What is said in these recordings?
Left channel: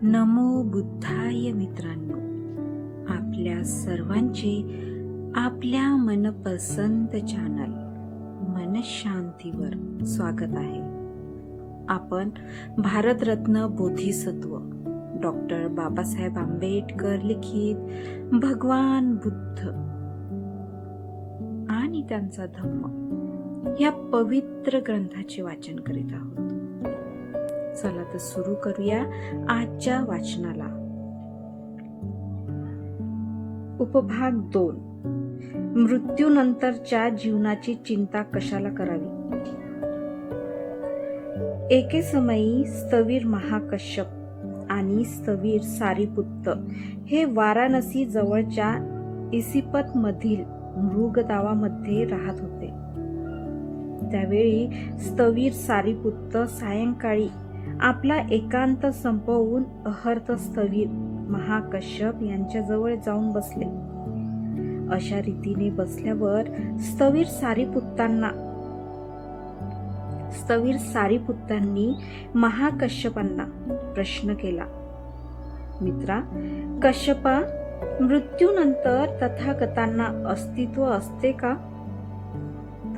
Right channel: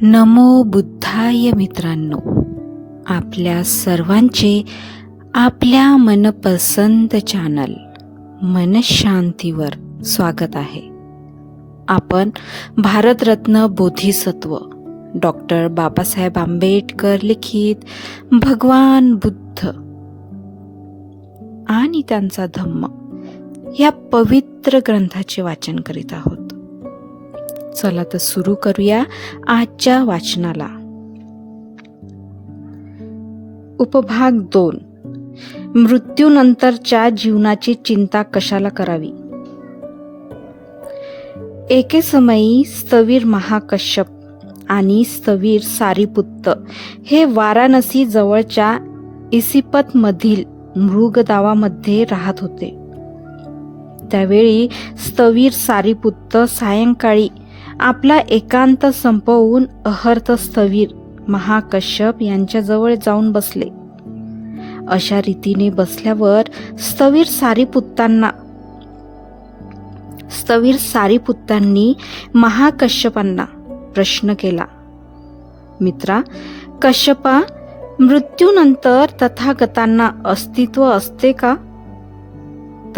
नमो बुद्धाय मित्रांनो. आपल्या सर्वांचे आपल्या मनपसंत चॅनल मनशांतीवर स्वागत आहे. आपण भारतरत्न बोधिसत्व डॉक्टर बाबासाहेब आंबेडकर लिखित भगवान बुद्ध आणि त्यांचा धम्म या पवित्र ग्रंथाचे वाचन करीत आहोत. चला तर सुरू करूया आजच्या वाचनाला. उपभाग दोन. मृत्यूनंतरच्या जीवनाची चिंता कशाला करावी? एके समयी स्थवीर महाकश्यप आणि स्थवीर सारीपुत्त हे वाराणसी जवळच्या इसिपत मधील मृगदावामध्ये राहत होते. त्यावेळी स्थवीर सारीपुत्त सायंकाळी आपला एकांत संपवून अहर्थ स्थवीर महाकश्यप यांच्याजवळ जाऊन बसले. अशा रीतीने बसल्यावर स्थवीर सारीपुत्तांना स्थवीर सारीपुत्तांनी महाकश्यपांना प्रश्न केला. मित्रा कश्यपा मृत्यूनंतर तथागतांना अस्तित्व असते का?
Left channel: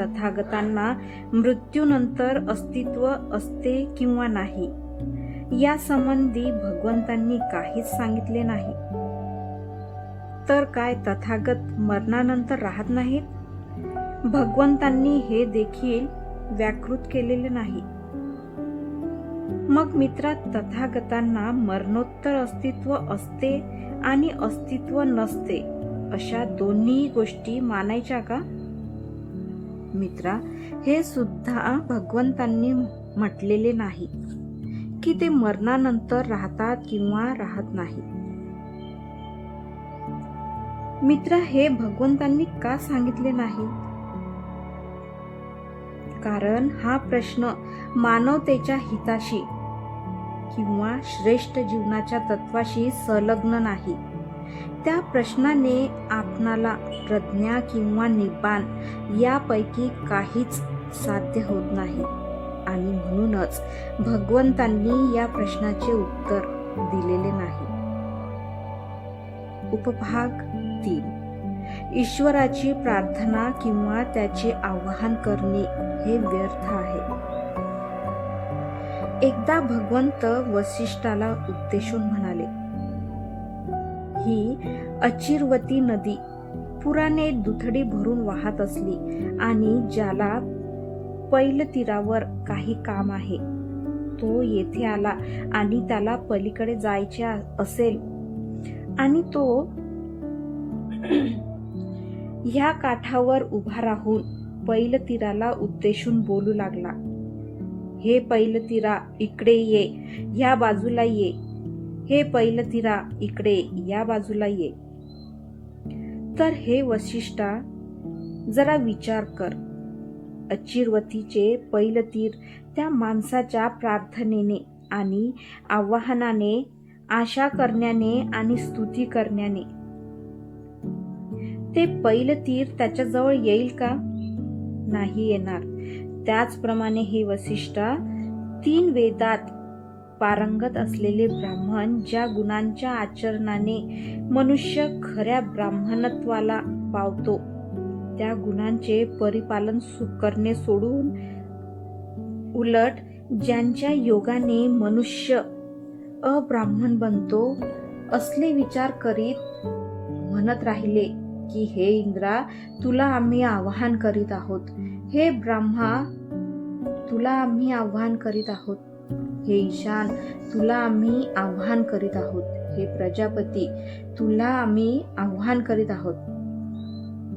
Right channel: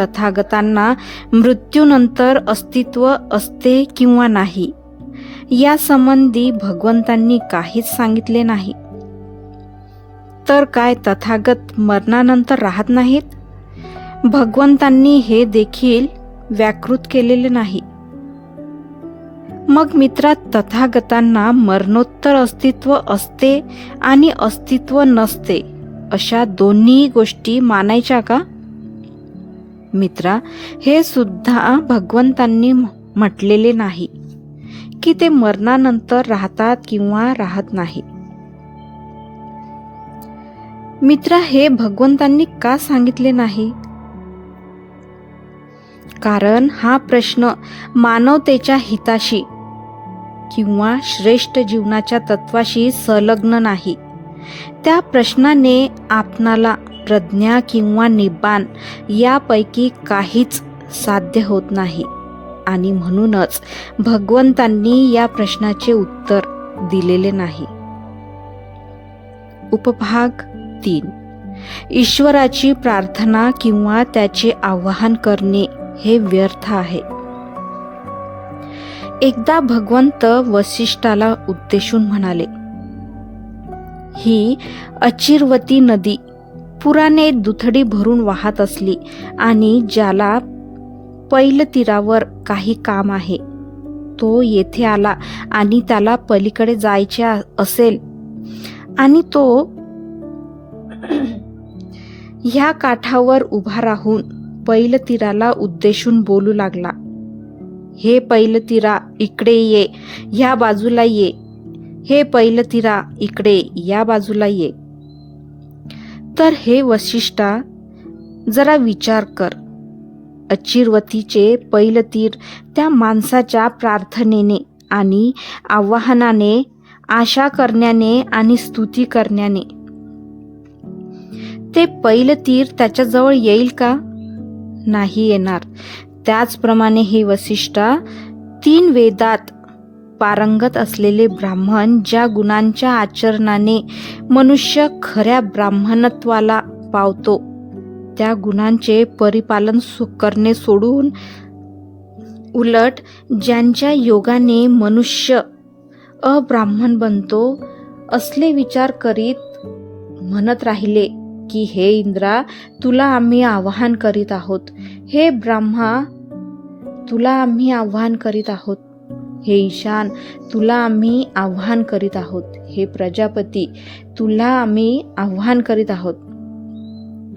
तथागतांना मृत्यूनंतर अस्तित्व असते किंवा नाही या संबंधी भगवंतांनी काहीच सांगितले नाही. तर काय तथागत मरणानंतर राहत नाहीत? भगवंतांनी हे देखील व्याकृत केलेले नाही. मग मित्रा तथागतांना मरणोत्तर अस्तित्व असते आणि अस्तित्व नसते अशा दोन्ही गोष्टी मानायच्या का? मित्रा हे सुद्धा भगवंतांनी म्हटलेले नाही की ते मरणानंतर राहतात किंवा राहत नाही. मित्रा हे भगवंतांनी का सांगितले नाही? कारण हा प्रश्न मानवतेच्या हिताशी किंवा श्रेष्ठ जीवनाच्या तत्वाशी संलग्न नाही. त्या प्रश्नाने आपणाला प्रज्ञा किंवा निबान यापैकी काहीच साध्य होत नाही. आणि म्हणूनच भगवंतांनी या प्रश्नाचे उत्तर दिलेले नाही. उपभाग तीन. ईश्वराची प्रार्थना किंवा त्याचे आवाहन करणे हे व्यर्थ आहे. एकदा भगवंत वसिष्ठाला उद्देशून म्हणाले ही अचिरवती नदी पुराने दुथडी भरून वाहत असली आणि ज्याला पैल तीरावर काही काम आहे. तो येथे आला आणि त्याला पलीकडे जायचे असेल. आणि तो ह्या काठावर उभा राहून पैल तीराला उद्देशून बोलू लागला. हे पैल तीरा इकडे ये. ह्या बाजूला ये. हे पैल तीरा इकडे. या बाजूला ये. तर हे वशिष्ठा जरा विचार कर. अचिरवतीचे पैलतीर त्या माणसाच्या प्रार्थनेने आणि आवाहनाने आशा करण्याने आणि स्तुती करण्याने. ते पैलतीर त्याच्याजवळ येईल का? नाही येणार. त्याचप्रमाणे हे वसिष्ठा तीन वेदात पारंगत असलेले ब्राह्मण ज्या गुणांच्या आचरणाने मनुष्य खऱ्या ब्राह्मणत्वाला पावतो त्या गुणांचे परिपालन करणे सोडून उलट ज्यांच्या योगाने मनुष्य अब्राह्मण बनतो असले विचार करीत म्हणत राहिले की हे इंद्रा तुला आम्ही आवाहन करीत आहोत. हे ब्रह्मा तुला आम्ही आव्हान करीत आहोत. हे ईशान तुला आम्ही आव्हान करीत आहोत. हे प्रजापती तुला आम्ही आव्हान करीत आहोत.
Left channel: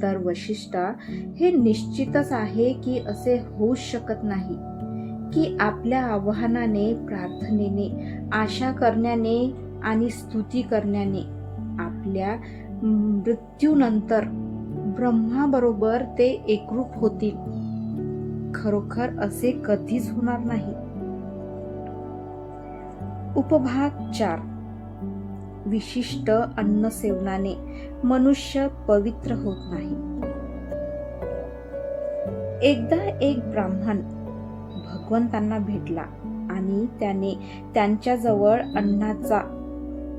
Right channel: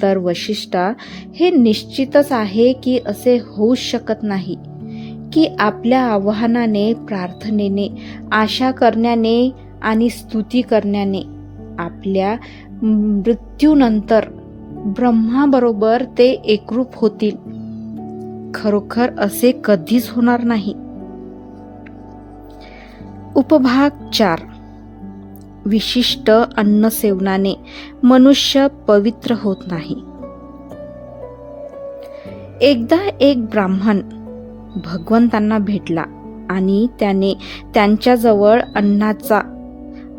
तर वशिष्ठा हे निश्चितच आहे की असे होऊ शकत नाही की आपल्या आव्हानाने प्रार्थनेने आशा करण्याने आणि स्तुती करण्याने आपल्या मृत्यूनंतर ब्रह्माबरोबर ते एकरूप होतील. खरोखर असे कधीच होणार नाही. उपभाग चार. विशिष्ट अन्न सेवनाने मनुष्य पवित्र होत नाही. एकदा एक ब्राह्मण भगवंतांना भेटला आणि त्याने त्यांच्याजवळ अन्नाचा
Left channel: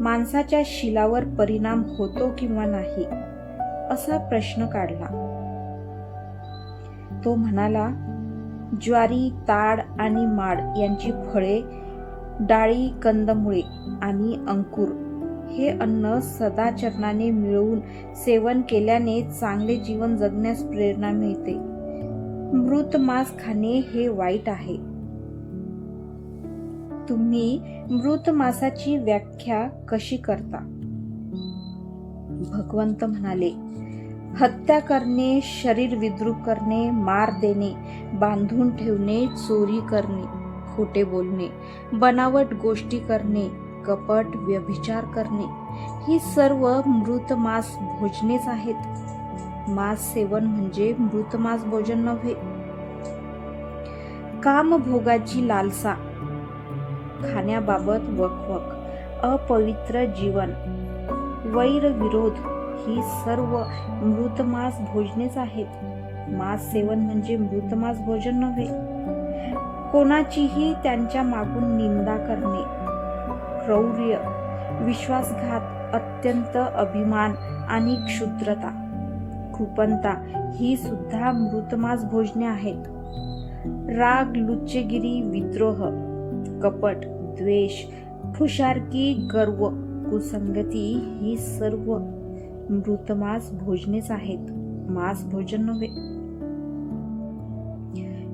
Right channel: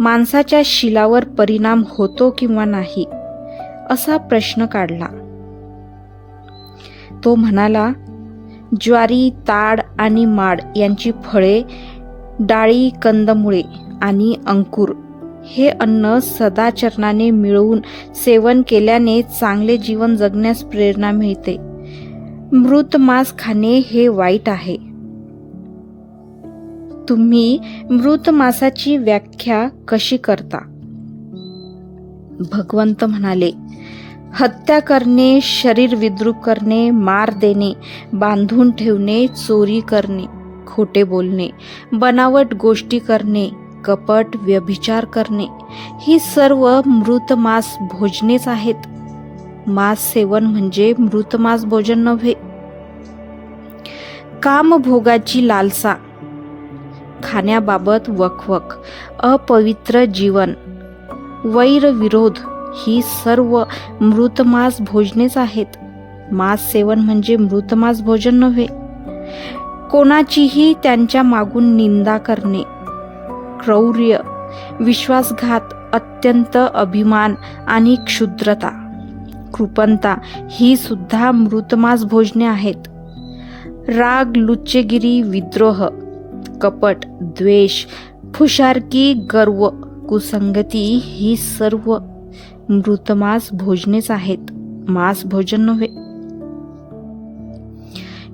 माणसाच्या शिलावर परिणाम होतो किंवा नाही असा प्रश्न काढला. तो म्हणाला ज्वारी ताड आणि माड यांची फळे डाळी कंदमुळे आणि अंकुर. हे अन्न सदाचरणाने मिळवून सेवन केल्याने चांगले जीवन जगण्यास प्रेरणा मिळते. मृत मांस खाणे हे वाईट आहे. तुम्ही मृत मासाची व्याख्या कशी करता? भगवंत म्हणाले हत्या करणे शरीर विद्रूप करणे मार देणे बांधून ठेवणे चोरी करणे खोटे बोलणे बनावट गोष्टी करणे कपट व्यभिचार करणे ही सर्व मृत मांस भोजनेच आहेत. मांस सेवन म्हणजे मृत मांस भोजन नव्हे. कामभोगाची लालसा. खाण्याबाबत वखवक अपवित्र जीवन वैरविरोध ही सर्व मृतमास भोजनेच आहेत. मांस सेवन म्हणजे मृतमास भोजन नव्हे. कोणाचीही त्यांच्या मागून निंदा करणे. क्रौर्य विश्वासघात अत्यंत अभिमान आणि क्षुद्रता. कृपणता ही सुद्धा मृतमास भोजने आहेत. राग लुच्चेगिरी विद्रोह कपट द्वेष फुशारकी गर्व कुसंगती ही सर्व मृतमास भोजनेच आहेत. मांस भोजन नव्हे.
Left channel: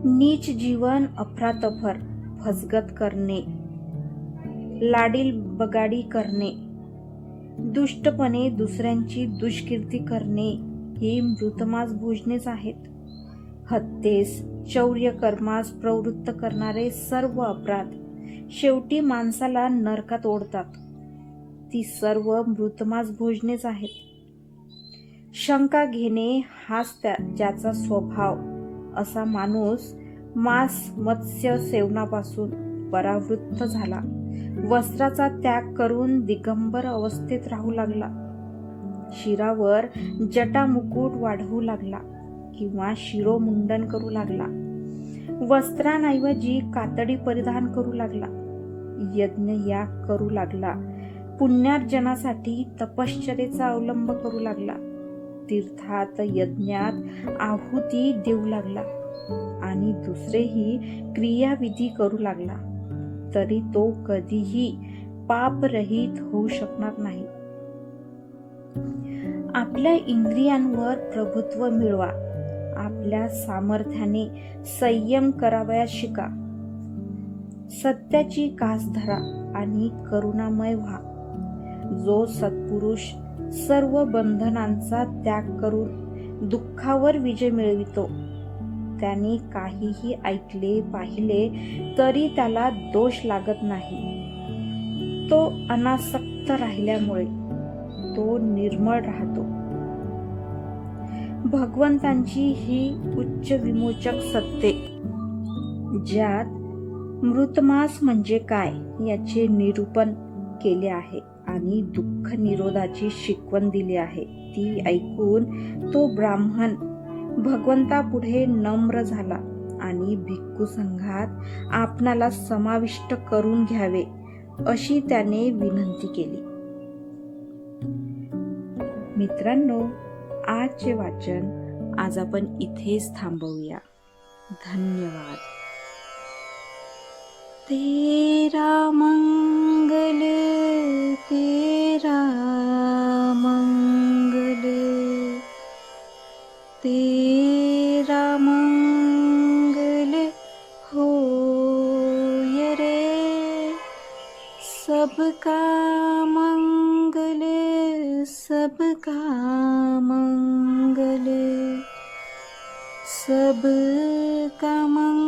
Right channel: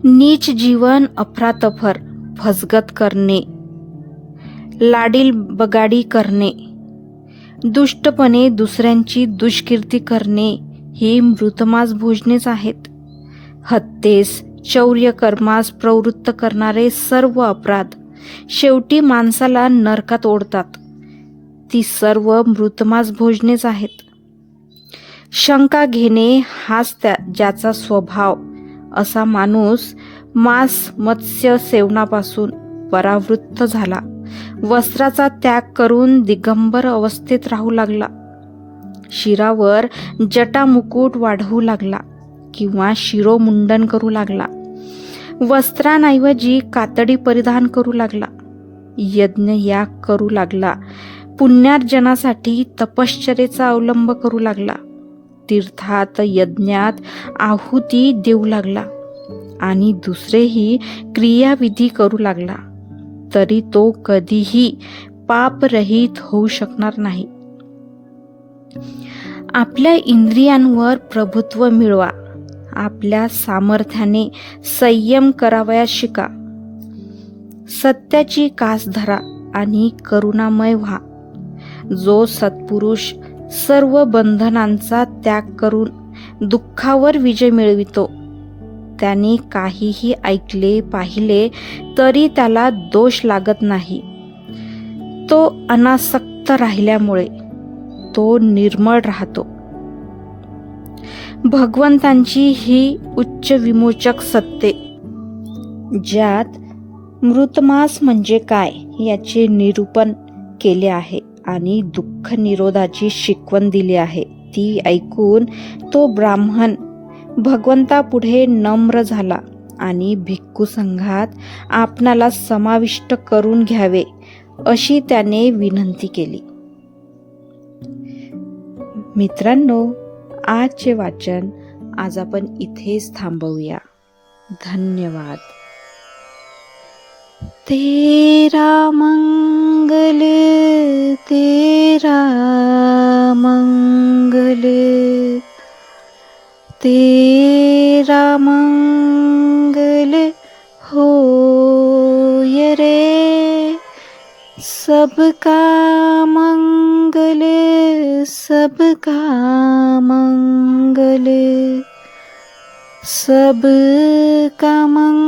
नीच जीवन अफरातफर फसगत करणे. लाडील बगाडी करणे. दुष्टपणे दुसऱ्यांची दुष्कीर्ती करणे ही मृतमास भोजनेच आहेत. हत्येस चौर्य कर्मास प्रवृत्त करणारे सर्व अपराध शेवटी माणसाला नरकात ओढतात. ती सर्व मृतमास भोजनेच आहेत. शंका घेणे हाच त्या ज्याचा स्वभाव असा माणूस मांस मत्स्य सेवनापासून परावृत्त झाला. वस्त्राचा त्याग करून दिगंबर अवस्थेत राहू लागला. शिरावर जटामुकुट वाढवू लागला किंवा शिरोमुंडन करू लागला. वस्त्रांऐवजी कातडी परिधान करू लागला. यज्ञ याग करू लागला. पुण्यार्जनासाठी तपश्चरेचा अवलंब करू लागला. तीर्थात यज्ञात आहुती देऊ लागला आणि दुसरेही क्रियाविधी करू लागला तरी तो कधीही पापरहित होऊ शकणार नाही. आपल्या इंद्रियांवर प्रभुत्व मिळवा आपल्या सामर्थ्याने संयम करावयास शिका. सत्याची कास धरा आणि करुणामय व्हा. जो सत्पुरुष सर्व बंधनांचा त्याग करून दुःखावर विजय मिळवितो. त्याने काहीही ऐकले पाहिले तरी त्याला दोष लागत नाही. तो अनासक्त राहिल्यामुळे तो निर्मळ राहतो. भगवंतांची ही उच्च विमोचक सत्ते ज्यात मृतमास म्हणजे काय याचे निरूपण केले आहे. आणि दुःख निरोधाची शिकवण दिली आहे. ती ऐकून तो ब्राह्मण भगवंतापुढे नम्र झाला आणि भिक्खू संघात आपणाला समाविष्ट करून घ्यावे अशी त्याने विनंती केली. मित्रांनो आजचे वाचन आज आपण इथेच थांबवूया. धन्यवाद. तेरा मंगल तेरा मंगल तेरा मंगल हो रे सबका मंगल सबका मंगल सबका मंगल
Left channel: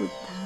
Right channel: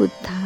रे नमो बुद्धाय